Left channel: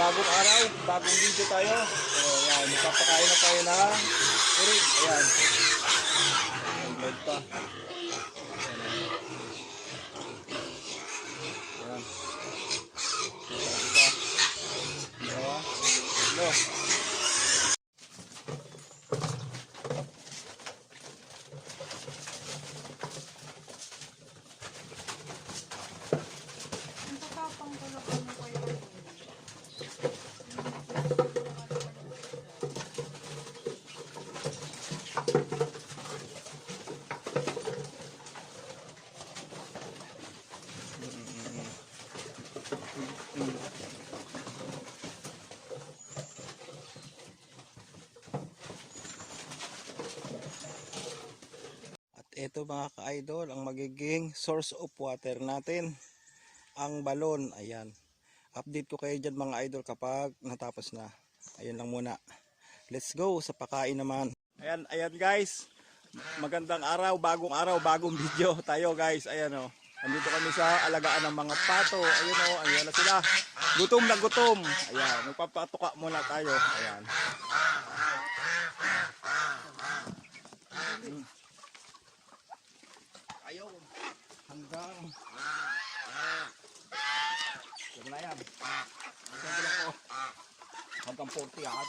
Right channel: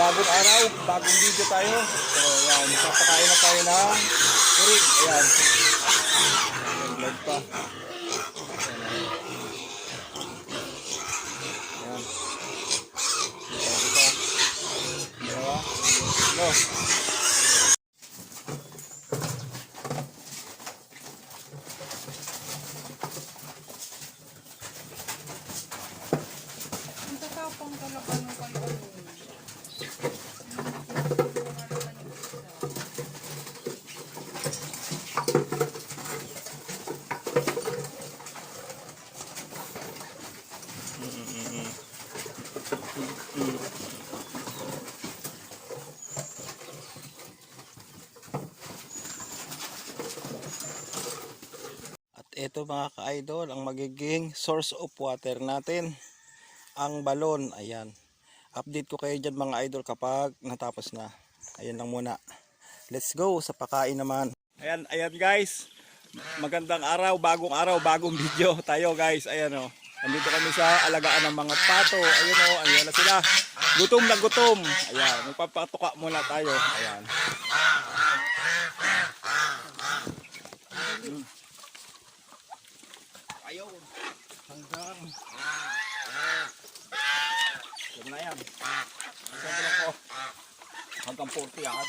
bagong araw, bagong video tayo. So yan, magpapakain na tayo ng urig. Ayan. Vlog pa. Ang tatapang talaga na kayo ano. At ito mga ka-idol, ang magiging source of water natin, ang balon. Ayan. Update ko kayo dyan mga idol kapag natapos na. Ayan lang muna. Let's go sa pakain naman. Ayan guys. Magandang araw, bagong video tayo guys. Ayan o. Nandito kami sa alagaan ng mga pato. Ayan o, ayan na sila. Gutom na gutom. Ayan, magpapatuka muna tayo. Ayan. Ayun. Hanggang. Yan na yan. Sabi ko. Hanggang 40 yan.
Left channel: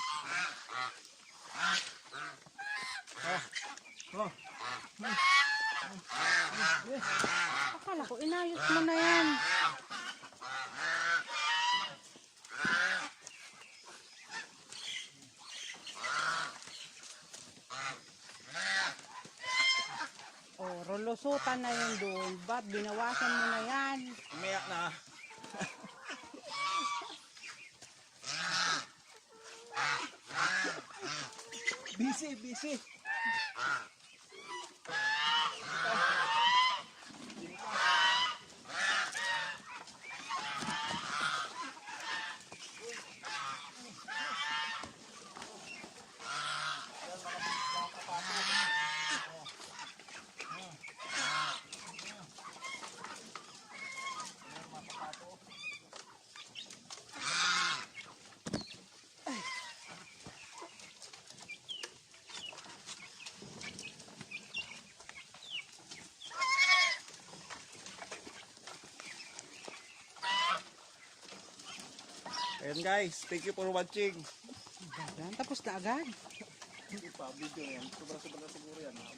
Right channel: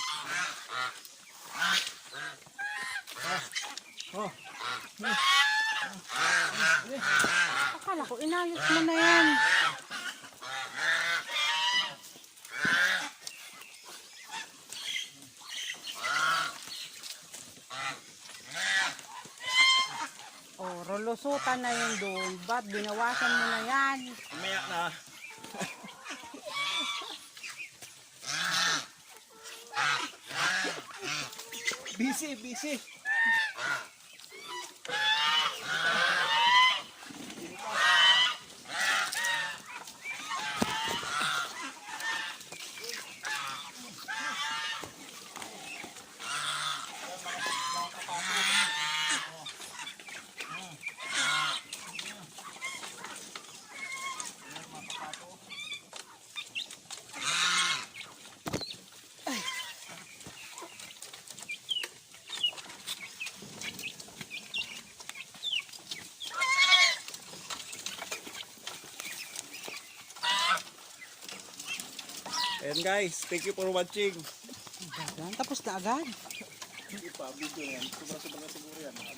Akala ko inalis mo na yan. Oh, rolusutan na yun doon. Ba't binawasan mo na yan? Umaya na. Busy. Ayan guys, thank you for watching. Tapos ka agad. Sige pa, video na yan. Sobra siguro yan.